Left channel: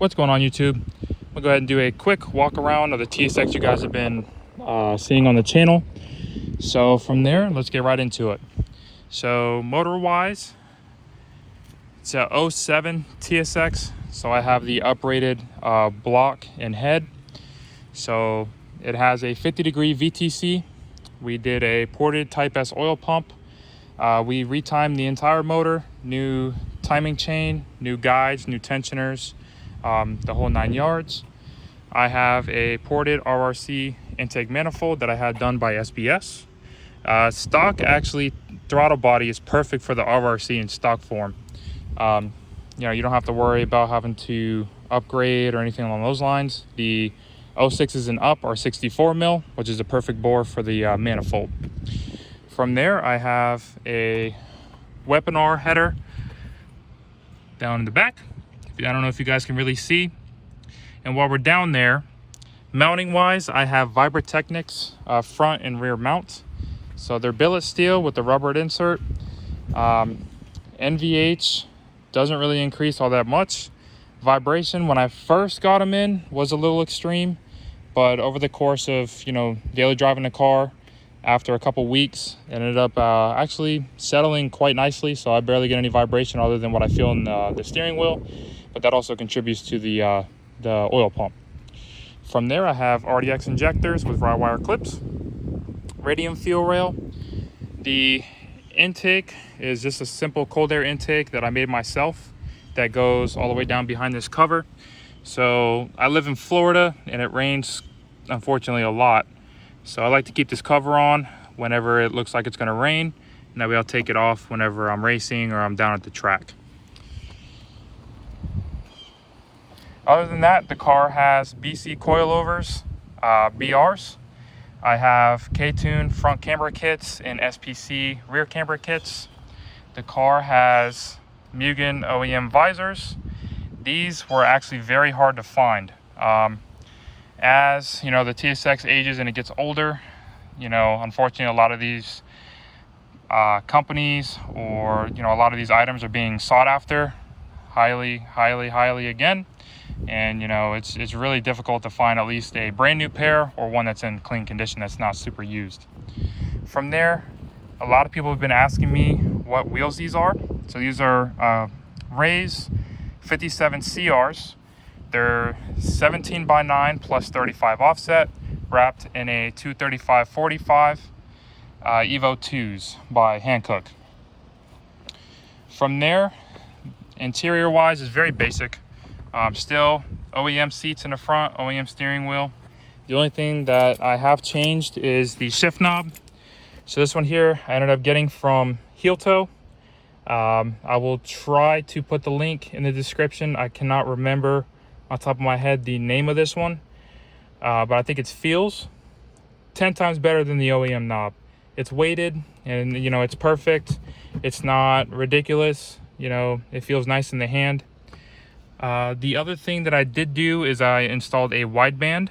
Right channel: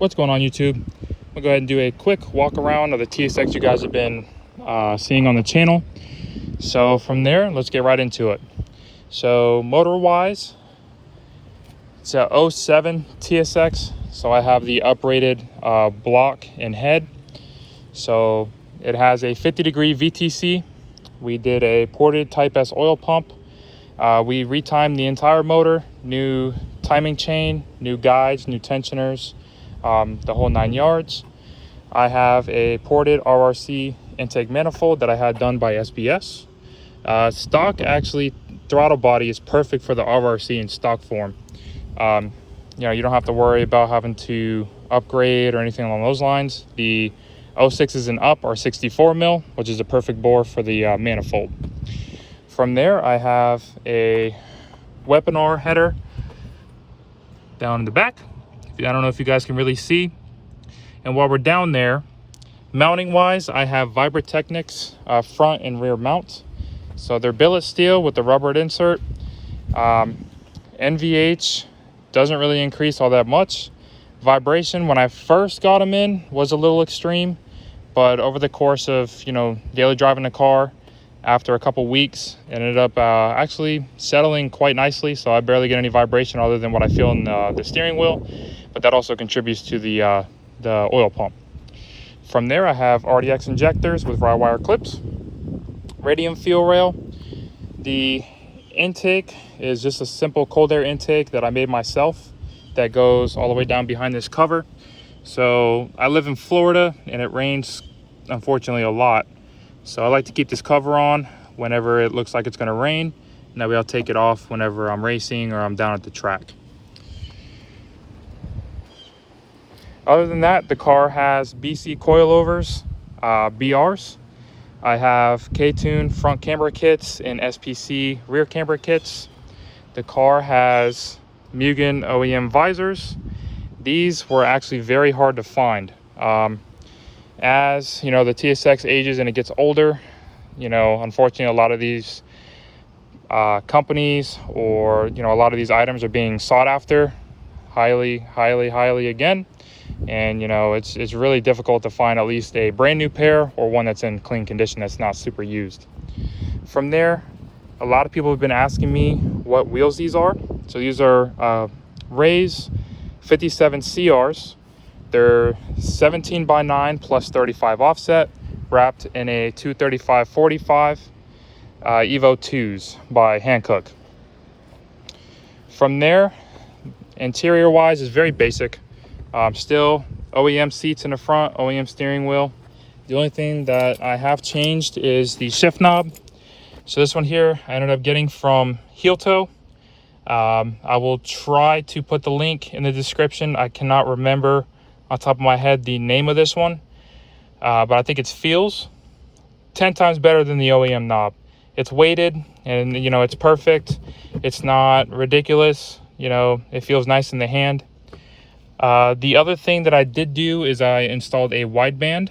What's going on, YouTube? I'll go ahead and do a quick walk around of the TSX you guys have been seeing on the channel. So from there, let's get right into it. So motor wise, it's a 07 TSX. So I have the uprated block and head. So it has a 50-degree VTC. We did a ported Type S oil pump. We retimed the entire motor, new timing chain, new guides, new tensioners, the whole 9 yards. I have a ported Rrc Intake Manifold that I had done by SBS. Stock actually, throttle body is perfect for the Rrc in stock form. You know, you don't have to worry about having to upgrade or anything along those lines. The 06s and up are 64 mil, which is a perfect bore for the manifold. From there, I have a webinar header down in the back. I don't know if you guys can really see. And while we're down there, mounting wise, I have Vibratechnics front and rear mount. So they're billet steel with the rubbered insert. NVH doesn't really increase all that much. Vibration when I first got them in was a little extreme, but over the course of, you know, daily driving the car, after a couple weeks, it ended up actually settling quite nicely. So I barely get any vibration other than what I feel in the steering wheel, but that also contributes to the oil pump. From there, I have RDX injectors with rye wire clips, radium fuel rail. The intake is just a simple cold air intake that I made myself that goes all the way down behind this cover. So I live in Florida and it rains, unfortunately, a lot. So I like to keep this cover on whenever it looks like it's going to rain, and that way I'll take it off whenever I'm racing or I'm down at the track. Other than that, the car has BC coilovers, BRs. I have K-Tune front camber kits and SPC rear camber kits. The car has Mugen OEM visors. These were actually very hard to find. As you know, the TSX ages and it gets older, you know, unfortunately a lot of these companies, or you know, a lot of these items are being sought after highly again, and you know, it's really difficult to find at least a brand new pair or one that's in clean condition that's not super used. From there, a lot of people have been asking me what wheels these are. So these are Rrc 57 CRs. They're 17x9 plus 35 offset, wrapped in a 235/45 Evo 2s by Hankook. From there, interior wise is very basic. Still OEM seats in the front, OEM steering wheel. The only thing that I have changed is the shift knob. So this one here I ended up getting from Heel Toe. I will try to put the link in the description. I cannot remember on top of my head the name of this one, but I think it feels 10 times better than the OEM knob. It's weighted and you know, it's perfect. It's not ridiculous, you know, it feels nice in the hand. The other thing that I did do is I installed a wideband.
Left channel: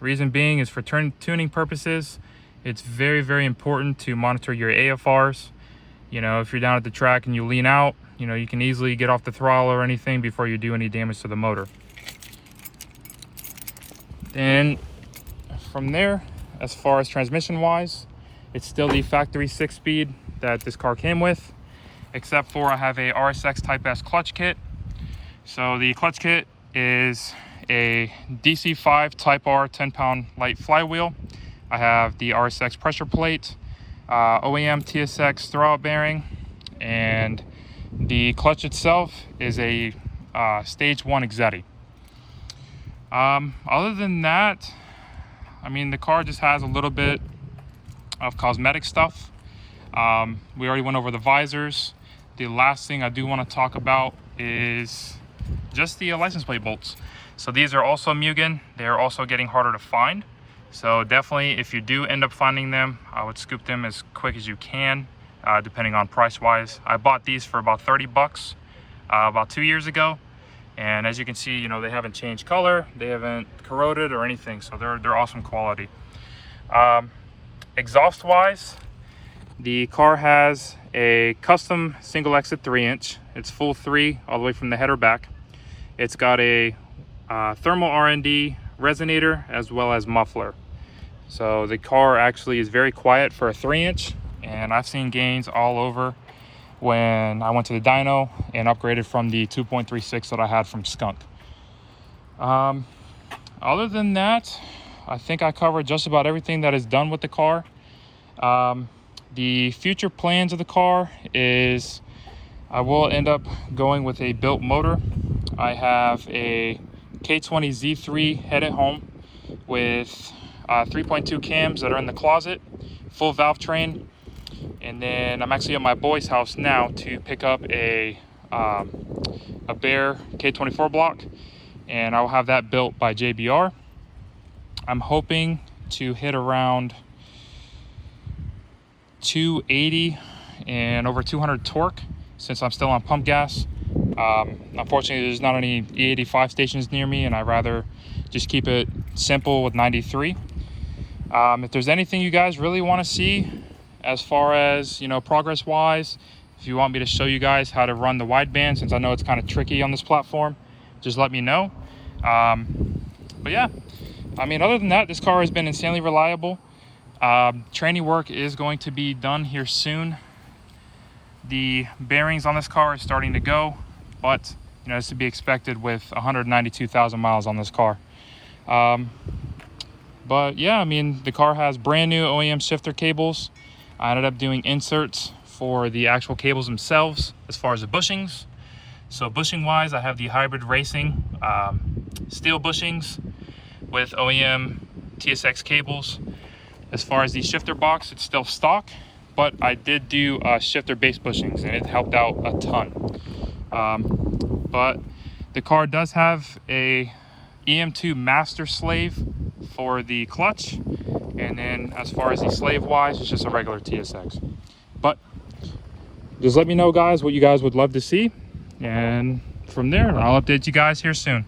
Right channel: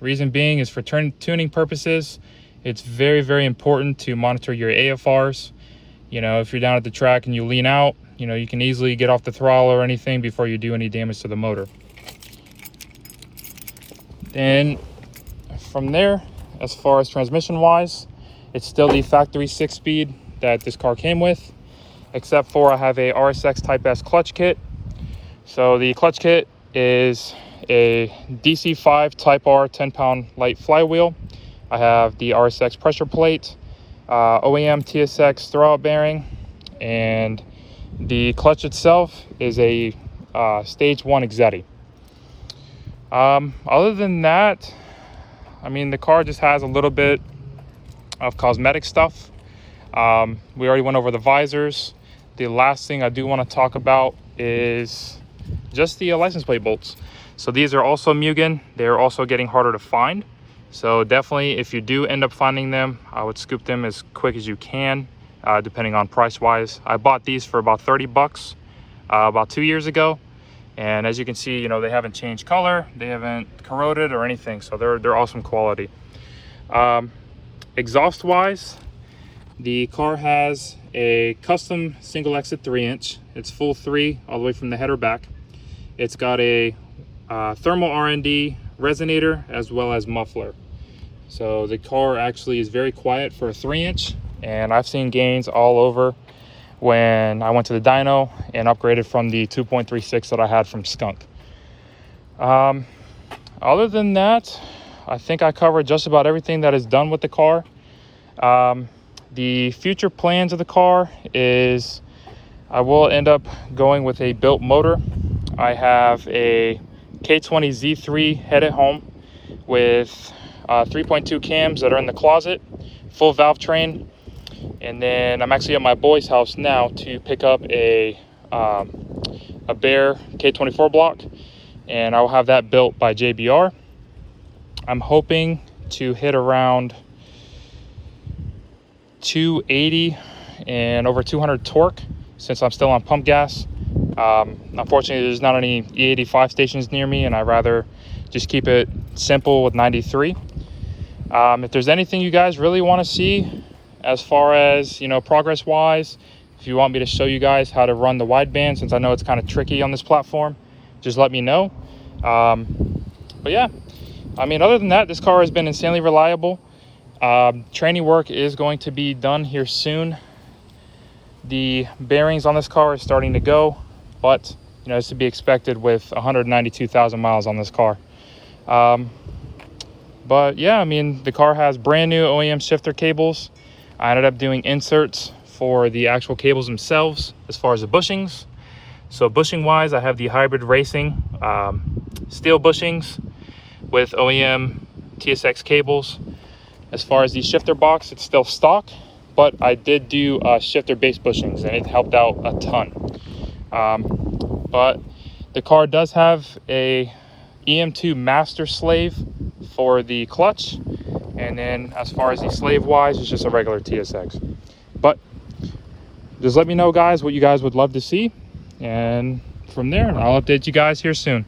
Reason being is for tuning purposes. It's very important to monitor your AFRs. You know, if you're down at the track and you lean out, you know, you can easily get off the throttle or anything before you do any damage to the motor. Then from there, as far as transmission wise, it's still the factory 6-speed that this car came with, except for I have a RSX Type S clutch kit. So the clutch kit is a DC5 Type R 10-pound light flywheel. I have the RSX pressure plate, OEM TSX throwout bearing, and the clutch itself is a stage 1 Exetti. Other than that, I mean, the car just has a little bit of cosmetic stuff. We already went over the visors. The last thing I do want to talk about is just the license plate bolts. So these are also Mugen. They're also getting harder to find. So definitely, if you do end up finding them, I would scoop them as quick as you can, depending on price wise. I bought these for about 30 bucks about 2 years ago. And as you can see, you know, they haven't changed color, they haven't corroded or anything, so they're awesome quality. Exhaust wise, the car has a custom single exit 3-inch. It's full 3 all the way from the header back. It's got a thermal R&D resonator as well as muffler. So the car actually is very quiet for a 3-inch, and I've seen gains all over when I went to the dyno and upgraded from the 2.36 that I had from Skunk. Other than that, I think I covered just about everything that is done with the car. The future plans of the car is I will end up going with a built motor. I have a K20 Z3 head at home with 3.2 cams that are in the closet, full valve train. And then I'm actually at my boy's house now to pick up a bare K24 block, and I'll have that built by JBR. I'm hoping to hit around 280 and over 200 torque since I'm still on pump gas. Unfortunately, there's not any E85 stations near me, and I'd rather just keep it simple with 93. If there's anything you guys really want to see as far as, you know, progress wise, if you want me to show you guys how to run the wideband, since I know it's kind of tricky on this platform, just let me know. But yeah, I mean, other than that, this car has been insanely reliable. Training work is going to be done here soon. The bearings on this car are starting to go, but you know, it's to be expected with 192,000 miles on this car. But yeah, I mean, the car has brand new OEM shifter cables. I ended up doing inserts for the actual cables themselves as far as the bushings. So bushing wise, I have the Hybrid Racing steel bushings with OEM TSX cables. As far as the shifter box, it's still stock, but I did do shifter based bushings, and it helped out a ton. But the car does have a EM2 master slave for the clutch, and then as far as the slave wise, it's just a regular TSX. But just let me know, guys, what you guys would love to see, and from there I'll update you guys here soon.